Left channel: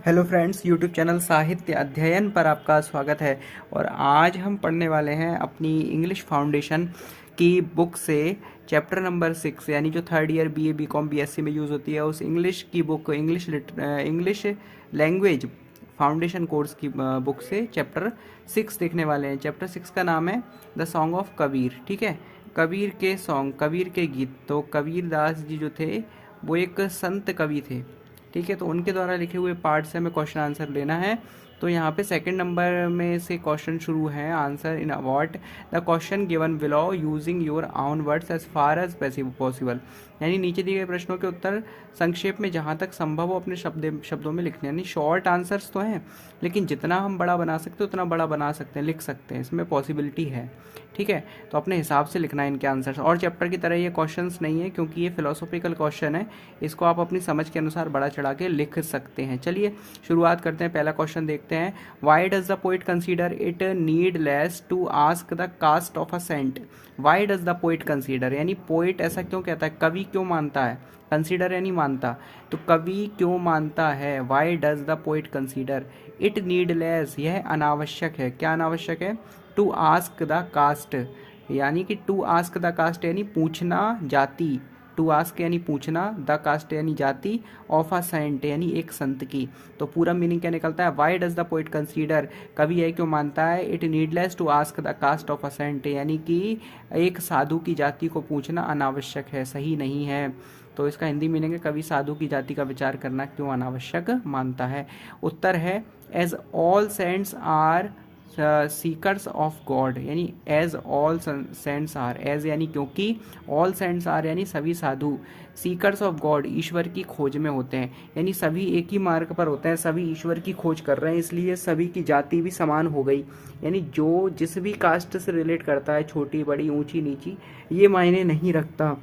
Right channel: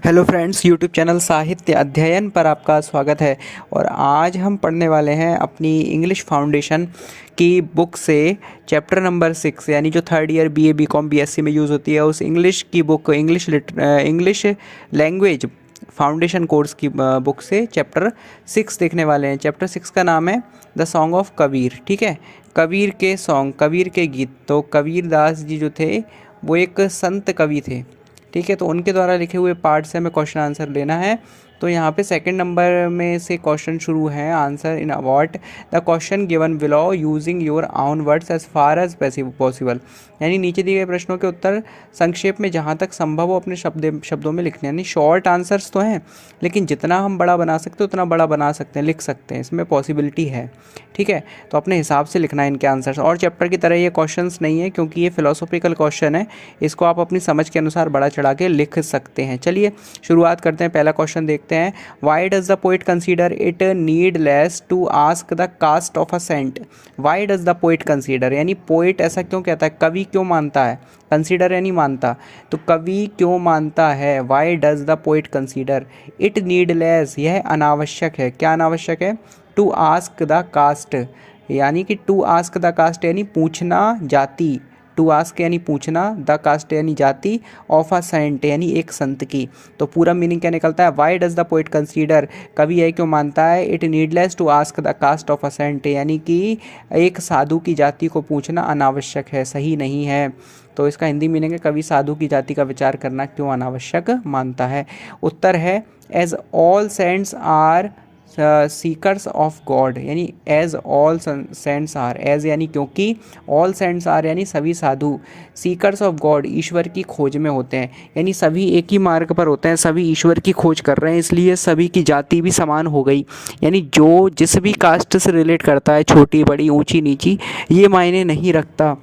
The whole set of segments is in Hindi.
हेलो फ्रेंड्स, यूट्यूब चैनल साहित्य अध्ययन पर आपका स्वागत है। और आज हम पढ़ने वाले हैं अपनी इंग्लिश फाउंडेशन की बुक से चैप्टर नंबर 6, यानी जो third year BA BCom BSc में यूज़ होती है उस इंग्लिश की book, English language foundation course की बुक से चैप्टर 6 देखने वाले हैं। चैप्टर 6 का नाम है द सॉन्ग ऑफ कबीर। ठीक है, कबीर के सॉन्ग, कबीर के गीत। तो कबीर दास जी जो थे वो एक संत कवि थे। ठीक है, तो उनके द्वारा लिखे हुए पार्ट से हमें क्वेश्चन आंसर लेना है। तो यहाँ पे सेकंड नंबर में से क्वेश्चन शुरू है। Answer in what the question given below using your own words as far as possible, यानी नीचे दिए गए प्रश्नों के उत्तर संक्षेप में जहाँ तक संभव हो अपने शब्दों में लिखने। यानी शॉर्ट आंसर्स तो हैं, लेकिन जितना हम बड़ा बना सकते हैं उतना बड़ा बना सकते हैं, लिख सकते हैं, इसमें पॉसिबिलिटी है। ठीक है, तो अपने हिसाब से लिखना है इनके आंसर्स। और चैप्टर की तरह ये क्वेश्चंस नहीं है, क्योंकि ये फिलोसॉफिकल क्वेश्चन है, इसको आप अपनी समझ के अनुसार बढ़ा चढ़ा के लिख सकते हैं। चलिए शुरुआत करते हैं। पहला क्वेश्चन देखते हैं। Why does the poet consider it needless to ask the caste of a saint. Why does the poet consider, यानी पोइट ऐसा क्यों कहता है, कवि क्यों मानता है, कंसीडर यानी मानता, तो कवि क्यों मानता है। Why does the poet consider it needless, यह अनावश्यक है। क्या अनावश्यक है? टू आस्क द कास्ट, यानी कि टू आस्क द कास्ट यानी पूछना जाति, टू आस्क यानी पूछना, द कास्ट यानी जाति, ऑफ अ सेंट यानी एक संत की। तो पूरा मीनिंग क्या निकलता है? Why does the poet consider, कवि यह क्यों मानता है, it needless to ask the caste of a saint, यानी कि एक साधु की जाति को पूछना अनावश्यक है, सही नहीं है। तो इसका हिंदी मीनिंग है कवि साधु की जाति का विचार करना क्यों अनावश्यक मानता है। उत्तर है as all saints are seekers of God, यानी as all saints are, as यानी क्योंकि, ऑल सेंट्स आर यानी सभी साधु, सीकर्स ऑफ गॉड ईश्वर की खोज में होते हैं, यानी सभी एक ही मार्ग पर होते हैं, सभी ईश्वर की खोज कर रहे हैं, इसलिए सभी की जाति भी समान हो गई। यानी जो जिस भी कास्ट से रिलेट करता है, छोटी बड़ी ऊंची नीची, ये मायने नहीं रखता।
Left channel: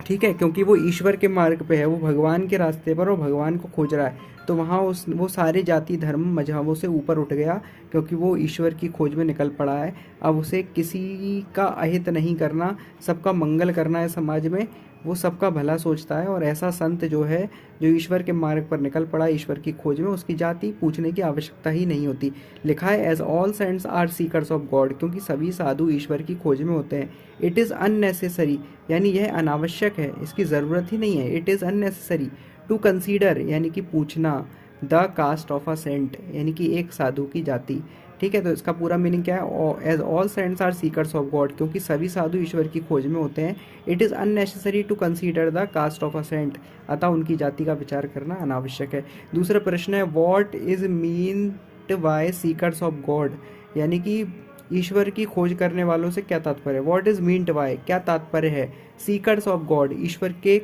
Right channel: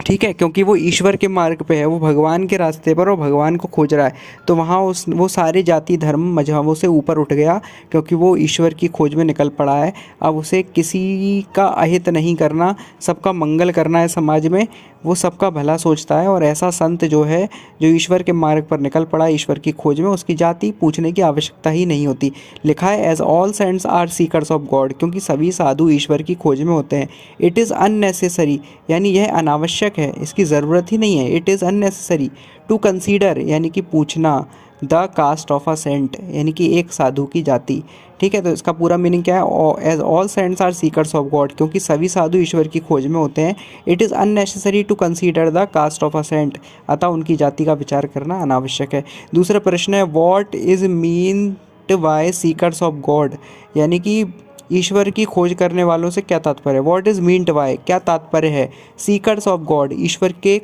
ठीक है, क्योंकि वो ईश्वर के मार्ग पे है, वो भगवान के रास्ते पर और भगवान को खोज रहा है। तो वहाँ वो सारे जाति धर्म मजहबों से ऊपर उठ गया, क्योंकि वो ईश्वर की खोज में निकल पड़ा है। अब उसे किसी का अहित नहीं करना, सबका मंगल करना है समाज में, वो सबका भला सोचता है। और ऐसा संत जो है, जो ईश्वर के मार्ग पर निकल पड़ा है ईश्वर की खोज में, उसकी जाति पूछने की आवश्यकता ही नहीं होती। लिखा है as all saints are seekers of God, क्योंकि सभी साधु ईश्वर की खोज में होते हैं। इट इज़ अननेसेसरी, यानी यह अनावश्यक है, इसकी ज़रूरत ही नहीं है। It is unnecessary to consider, यानी कि पूछना, the caste of a saint, यानी कि एक साधु की जाति। ठीक है, तो इसका पूरा मीनिंग क्या है? As all saints are seekers of God, क्योंकि सभी साधु ईश्वर की खोज में होते हैं। It is unnecessary to consider the caste of a saint, अतः उनकी जाति का विचार करना अनावश्यक है। दूसरा प्रश्न है what is meant by seekers of God, यानी कि ईश्वर की खोज करने वालों से क्या तात्पर्य है। व्हाट इज़ मीन्ड बाय, क्या तात्पर्य है सीकर्स ऑफ गॉड, ईश्वर के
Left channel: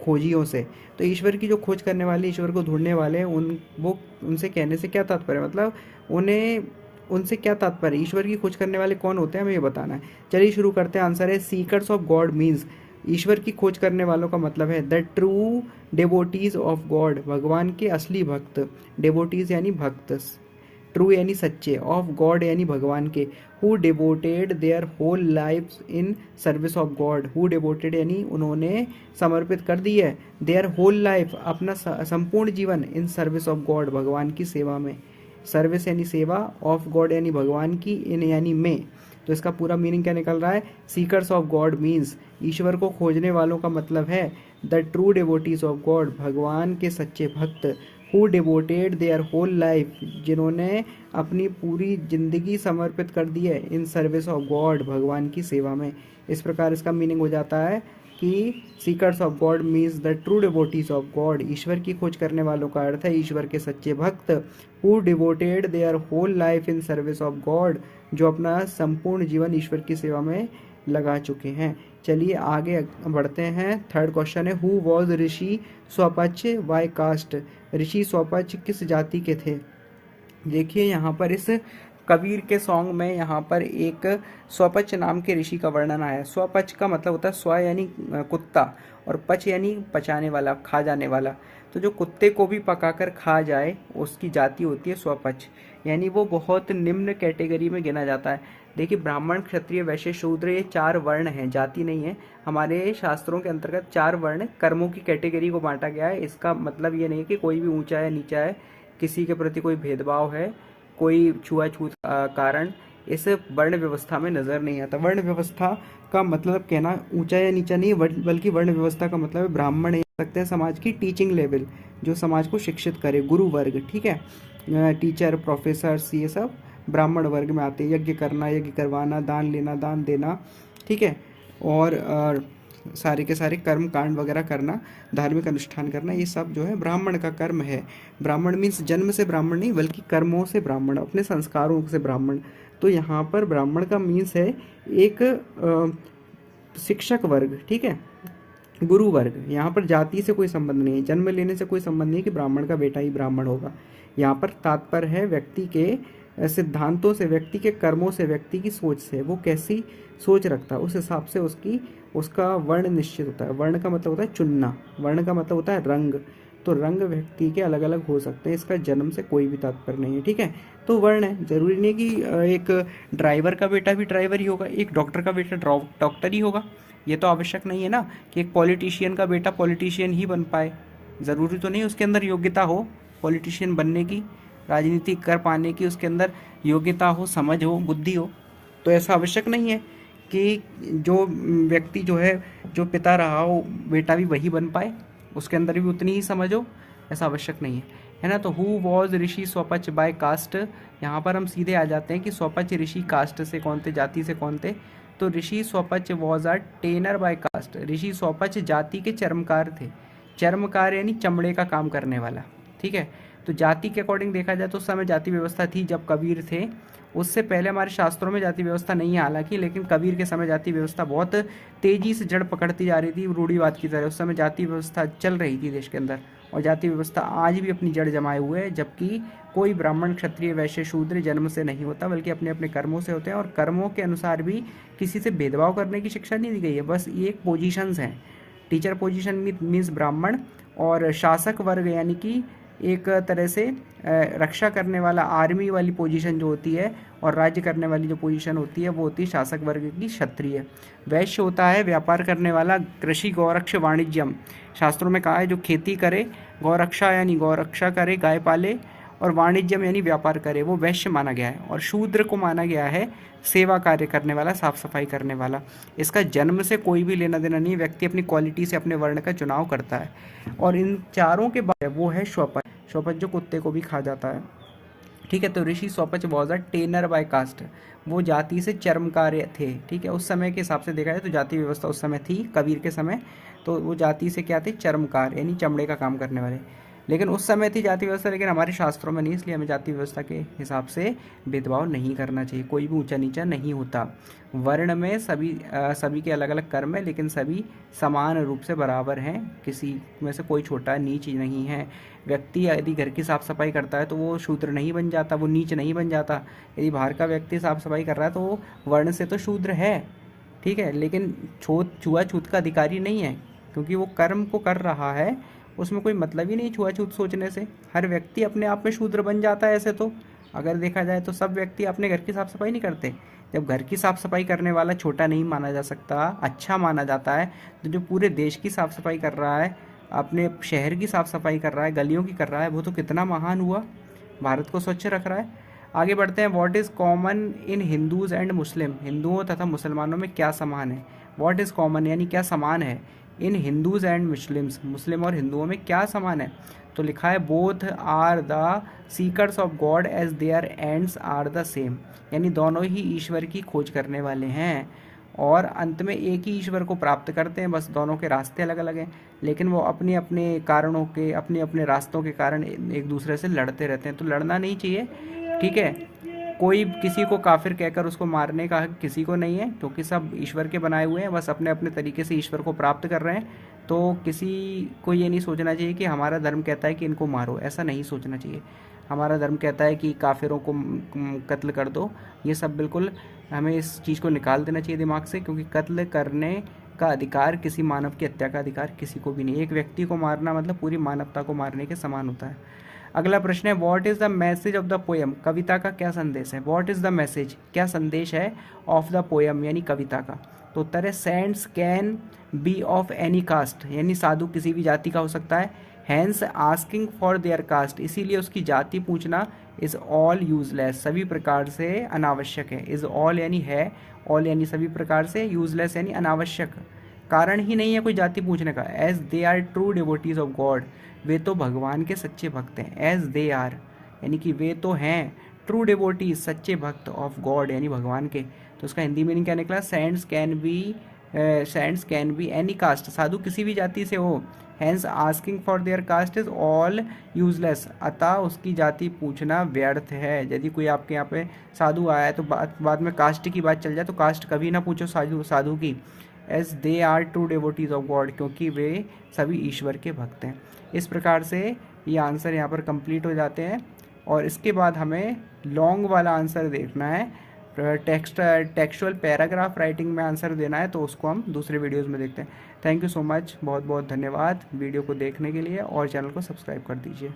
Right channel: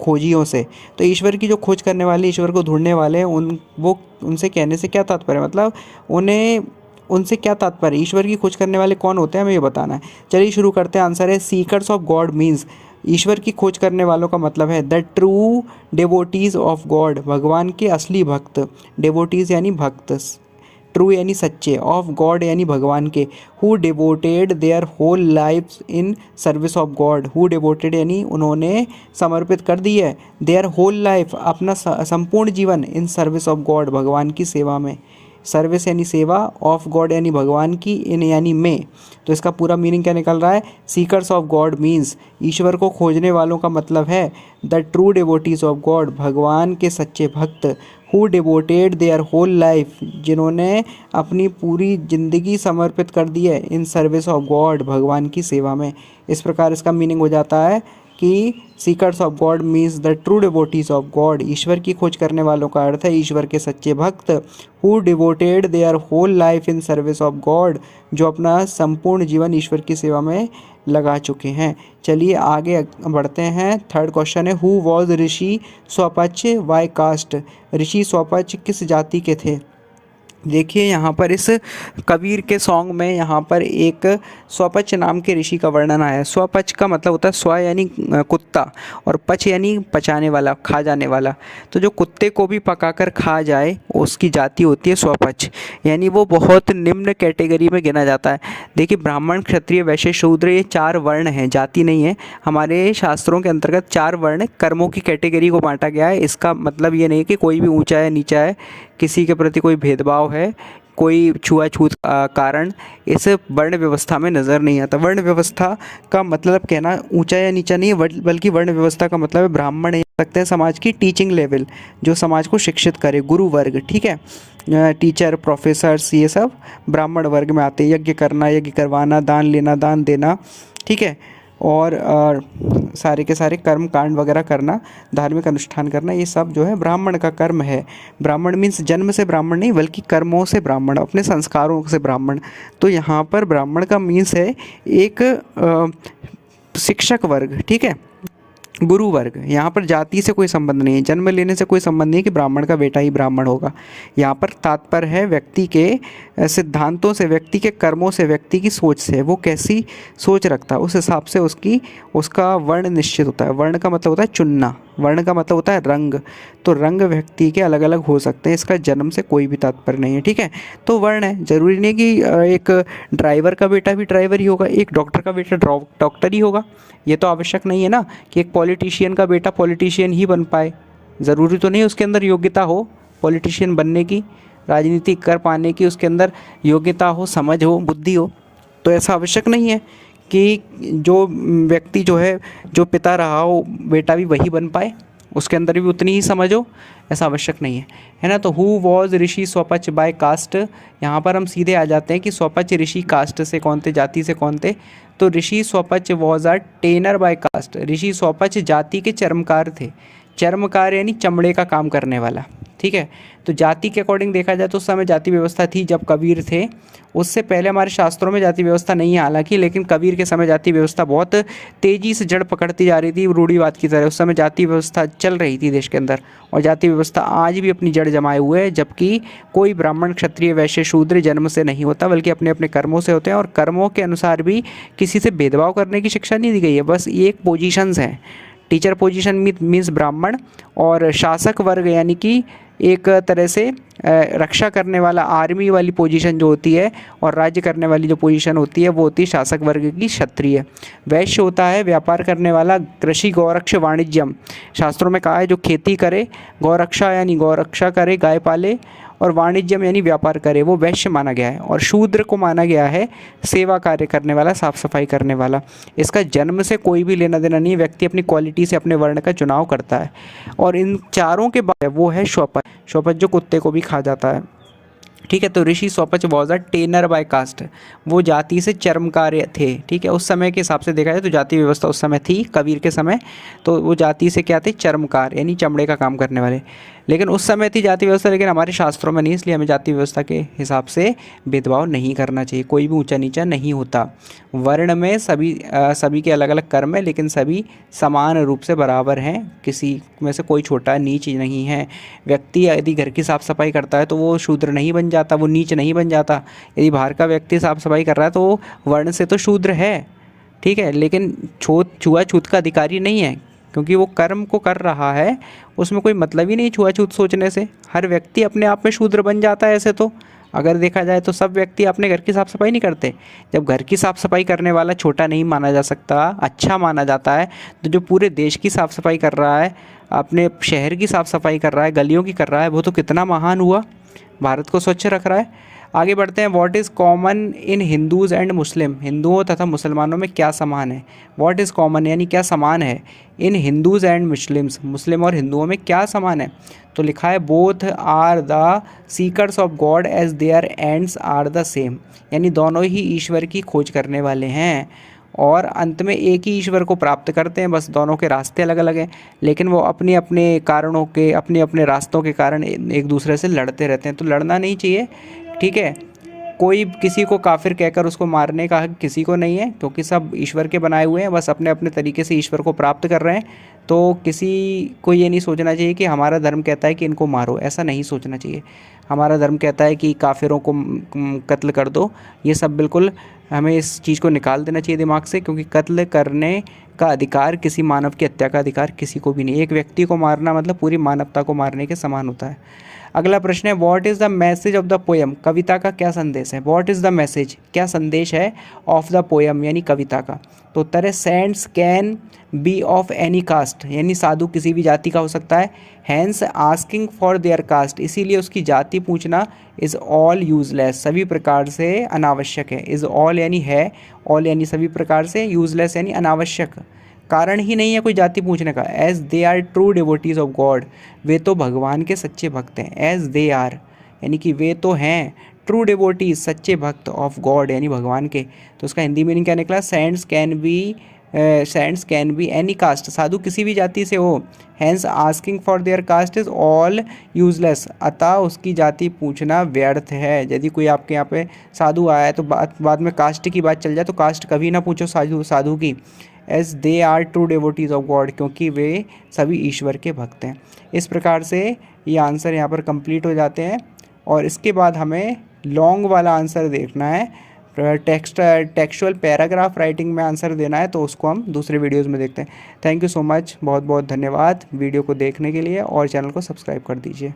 खोजियों से। तो ईश्वर की जो खोज करने वाले, ईश्वर को ढूंढने वाले, उनसे कहने से क्या तात्पर्य, मतलब उन्हें उनसे क्या तात्पर्य, ईश्वर की खोज करने वाले कौन होते हैं, हमें ये बताना है। चलिए शुरू करते हैं। आंसर है सीकर्स ऑफ गॉड मीन्स, ईश्वर की खोज करने वालों का मतलब है द ट्रू डेवोटीज ऑफ गॉड, भगवान के असली भक्त। डेवोटीज यानी भक्त, ट्रू यानी सच्चे, ऑफ गॉड यानी भगवान के। Who devoted their whole life in service of God, who devoted यानी उन्होंने समर्पित कर दी है, देयर होल लाइफ अपना संपूर्ण जीवन, इन सर्विस ऑफ गॉड भगवान की सेवा में। सर्विस यानी सेवा, ऑफ गॉड यानी भगवान की, इन यानी में। तो इसका पूरा मीनिंग क्या निकल रहा है? सीकर्स ऑफ गॉड मीन्स, ईश्वर को खोजने वालों का मतलब है the true devotees of God, भगवान के सच्चे भक्त। Who devoted their whole life, जिन्होंने अपनी पूरी ज़िंदगी समर्पित कर दी है, इन सर्विस ऑफ गॉड भगवान की सेवा में। इस प्रकार इसका मीनिंग हो जाता है कि seekers of God means the true devotees of God, ईश्वर की खोज करने वालों का अर्थ है ईश्वर के सच्चे भक्त। Who devoted their whole life in service of God, जो अपना संपूर्ण जीवन ईश्वर की सेवा में लगा चुके हैं। चलिए आगे बढ़ते हैं। थर्ड क्वेश्चन है who was Rishi Swapach by caste, Rishi Swapach किस जाति के थे। देखिए यहाँ पर इस कबीर के सॉन्ग में यहाँ पर एक स्वपच नाम के ऋषि का वर्णन आया है। स्वपच का मतलब होता है स्व यानी कुत्ता, और पच यानी पचाने वाला, खा जाने वाला। तो जो कुत्ते को भी पकाकर खा जाए उसकी जाति होती है स्वपच, यानी वो बहुत निम्न कैटेगरी में गिना जाता है। देखिए ब्राह्मण क्षत्रिय वैश्य शूद्र ये 4 वर्ण हैं, जाति नहीं है। हमारे शास्त्रों के अंतर्गत 4 वर्ण कर्मों की कैटेगरी को बांटा गया है। इसका मतलब ये नहीं कि कोई भी ऊंचा है नीचा है, किसी के प्रति कोई भेदभाव है, कोई छुआछूत कारण इस वर्ण व्यवस्था में नज़र नहीं आता। वर्ण व्यवस्था का मतलब कहना ऊंचा या नीचा नहीं है, बल्कि वर्ण व्यवस्था का मतलब है ब्राह्मण या सकते हैं समाज की टीचिंग लेवल, जो समाज को शिक्षित करे, गुरु वर्ग, ठीक है। टीचर, प्रोफेसर्स, ये सब ब्राह्मण वर्ग में आते हैं। यज्ञ करना, यज्ञ करवाना, दान लेना, दान देना, ठीक है। और सारे के सारे कर्म कांड वगैरह करना, धार्मिक अनुष्ठान करना, ये सब जो है ब्राह्मण का कर्म है। ब्राह्मण मीन्स जन्म से ब्राह्मण नहीं, बल्कि कर्मों से ब्राह्मण, अपने संस्कारों से ब्राह्मण। तो यहाँ पर ब्राह्मण का मीन्स है एक शिक्षक वर्ग, ठीक है, गुरु वर्ग। यहाँ पर जाति से कोई संबंध नहीं है, जन्म लेने से कोई संबंध नहीं है कि ब्राह्मण का बेटा ही ब्राह्मण होगा। यहाँ पर तात्पर्य है व्यक्ति के सिद्धांतों से, व्यक्ति के कर्मों से, व्यक्ति की सोच से, वो कैसी सोच रखता है उस हिसाब से उसका वर्ण निश्चित होता है। वर्ण का मतलब होता है चुनना, वर्ण का मतलब होता है रंग। तो रंग व्यक्ति के अलग अलग हो सकते हैं, इसका जन्म से कोई भी तात्पर्य नहीं है, ठीक है। तो वर्ण है, ज़रूरी नहीं कि एक ड्राइवर का बेटा भी ड्राइवर ही होगा, एक डॉक्टर का बेटा डॉक्टर ही होगा। ये तो आवश्यक नहीं है ना कि एक पॉलिटिशियन का बेटा पॉलिटिशियन ही बन पाए। ज़रूरी तो नहीं उसके अंदर योग्यता हो पॉलिटिशियन बनने की, राजनीति कर पाने की, उसके अंदर योग्यता हो, समझ हो, बुद्धि हो। तो ऐसा आवश्यक नहीं है कि जो व्यक्ति जो है, जो पिता रहा हो, बेटा भी वही बन पाए, उसके अंदर भी उतनी ही समझ हो, ऐसा आवश्यक नहीं है ना। तो who was Rishi Swapach by caste, यहाँ पर हम सीधे आ जाते हैं कि स्वपच ऋषि कास्ट से कौन थे, जाति से कौन थे। तो Rishi Swapach was a tanner by caste. Rishi Swapach जाति के चर्मकार थे। चर्मकार यानी चमड़े का काम करने वाला, ठीक है। तो जाति के अकॉर्डिंग देखा जाए तो उस समय जाति व्यवस्था थी जब कबीर थे। उससे पहले हमारे शास्त्रों में जाति व्यवस्था नहीं है हालांकि, लेकिन कबीर के समय जाति व्यवस्था बहुत तेज़ी से जड़ पकड़ती जा रही थी रूढ़िवाद की तरह। उस समय जाति व्यवस्था चल रही थी देश के अंदर, और जाति व्यवस्था आज भी अपनी जड़ जमाए हुए है। जबकि कोई ब्राह्मण, क्षत्रिय, वैश्य, शूद्र जन्म से नहीं होता, बल्कि अपने अपने कर्मों से होते हैं, और कर्मों के अनुसार भी किसी से भेदभाव करने की शिक्षा नहीं दी गई है। बस एक पोजीशंस हैं, टीचर पोजीशन मीन्स ब्राह्मण, और शासक वर्ग यानी कि एक तरह से रक्षा करने वाला, आर्मी वाली पोजीशन जो होती है, और राज्य करने वाली जो पोजीशन होती है वो होती है शासक वर्ग की, क्षत्रिय। वैश्य होता है व्यापार करने वाला, कृषि, गौरक्ष, वाणिज्यम। शास्त्रों में कहा है जो खेती करे, गौरक्षा यानी गौरक्षा करे, गाय पाले, और वाणिज्यम यानी व्यापार करे, वो वैश्य माना गया है। और शूद्र को माना गया है सेवा कार्य करने वाला, साफ सफाई करने वाला। इसका जन्म से कोई भी लेना देना नहीं, व्यक्ति अपनी क्वालिटी से अपने वर्ण का चुनाव करता है। और इन चारों के बाद वो है स्वपच। स्वपच जो कुत्ते को भी खा जाता है, ठीक है। तो Rishi Swapach was a tanner by caste, वो जाति से चर्मकार थे, ठीक है। उस समय के हिसाब से देखा जाए तो जाति व्यवस्था उस समय थी कबीर के समय, तो वो जाति से क्या थे, चर्मकार यानी चमड़े का काम करने वाले। लेकिन उस समय थी जाति व्यवस्था, लेकिन हमारे शास्त्रों में नहीं, इसलिए हमें जाति व्यवस्था के हिसाब से भेदभाव नहीं करना चाहिए। कोई भी ऊंचा नीचा नहीं होता। वर्ण में सभी के अलग अलग कर्म है, लेकिन सभी समान रूप से बराबर हैं, किसी में से कोई छोटा नीच नहीं है। व्यक्ति यदि घर की साफ़ सफाई करता है तो वो शूद्र नहीं बन जाता, वो नीच नहीं बन जाता। यदि बाहर का व्यक्ति साफ़ सफाई कर रहा है तो वो वर्ण से तो शूद्र है, ठीक है, लेकिन छुआछूत का अधिकारी नहीं है, क्योंकि वो कर्म को कर रहा है, उसमें कोई मतलब ही नहीं छुआछूत सोचने से। हर व्यक्ति अपने आप में शूद्र बन जाता है। ऐसे तो अगर देखा जाए तो सब व्यक्ति अपने घर की साफ़ सफाई नहीं करते। जब घर की साफ़ सफाई करने वाला छोटा नहीं माना जा सकता, अच्छा माना जाता है, तो जो पूरे देश की साफ़ सफाई कर रहा है, अपने शहर की साफ़ सफाई कर रहा है, गलियों की कर रहा है, वो तो कितना महान हुआ, भारत को स्वच्छ रख रहा है। आगे बढ़ते हैं। What is common in Hindus and Muslim, हिंदुओं तथा मुसलमानों में क्या समान है। व्हाट इज़ कॉमन यानी क्या समान है, in Hindus and Muslims, Muslim और हिंदुओं में क्या समान है। तो लिखा है both are the seekers of God as their ends are the same, यानी दोनों ही ईश्वर की खोज करने वाले हैं और अंत में एक ही ईश्वर को प्राप्त करते हैं। बस दोनों के रास्ते अलग अलग हैं, लेकिन वो अपने अपने कारणों के, अपने अपने रास्तों के कारण एक दूसरे से लड़ते रहते हैं। तो लड़ना नहीं चाहिए, ठीक है। कोई किसी को काफिर कहकर उसको मारने का हक किसी को नहीं है, क्योंकि सब ईश्वर के बनाए हुए हैं, बस अपने अपने तरीके से ईश्वर को प्राप्त कर रहे हैं। तो किसी को ये नहीं सोचना चाहिए कि हमारा धर्म कहता है कि इनको मारो, ऐसा नहीं सोचना चाहिए। हमारा धर्म कहता है कि काफिरों को कत्ल कर दो, ये सब बिल्कुल हमें इस चीज़ को निकाल देना चाहिए दिमाग से, क्योंकि कत्ल करने का अधिकार, किसी मानव की हत्या का अधिकार किसी को भी नहीं। एक व्यक्ति को मारना मतलब पूरी मानवता को मारने के समान होता है। अगला प्रश्न है what is the message of the poem, कविता का क्या संदेश है। व्हाट इज़ द मैसेज, क्या संदेश है, ऑफ द पोएम यानी कविता का। तो उत्तर है saints can be of any caste, यानी साधु किसी भी जाति का हो सकता है। Hence asking for their caste, इसीलिए उसकी जाति पूछना इज़ ऑल यूजलेस, सभी प्रकार से अनावश्यक है। इज़ ऑल यानी है, ऑल यानी सभी प्रकार से, यूजलेस यानी अनावश्यक, कारण ही नहीं है कोई जाति पूछने का। As they are true devotees of God, वे तो भगवान के सच्चे भक्त हैं। एज दे आर यानी कि वे तो हैं, ट्रू डिवोटीज सच्चे भक्त ऑफ गॉड यानी भगवान के। तो उसका हिंदी मीनिंग क्या निकला? Saints can be any caste, साधु किसी भी जाति से हो। Hence asking for their caste is all useless, अतः उसकी जाति पूछना व्यर्थ है। यदि कोई आपके यहाँ पे साधु आया है तो बाद में कास्ट की बात चल जाए तो कास्ट कभी ना पूछो साधु की। As they are true devotees of God, क्योंकि वे सभी ईश्वर के भक्त हैं। इस प्रकार से ये आंसर यहाँ पर कंप्लीट हो जाते हैं। और इसके बाद हमें लॉन्ग वाला आंसर देखना है, टेक्सचुअल पैराग्राफ राइटिंग में आंसर देना है, तो उसको हम दूसरे वीडियोज़ में देखते हैं। थैंक यू सो मच, बहुत बहुत धन्यवाद वीडियो को देखने के लिए, और चैनल को सब्सक्राइब कर दीजिए।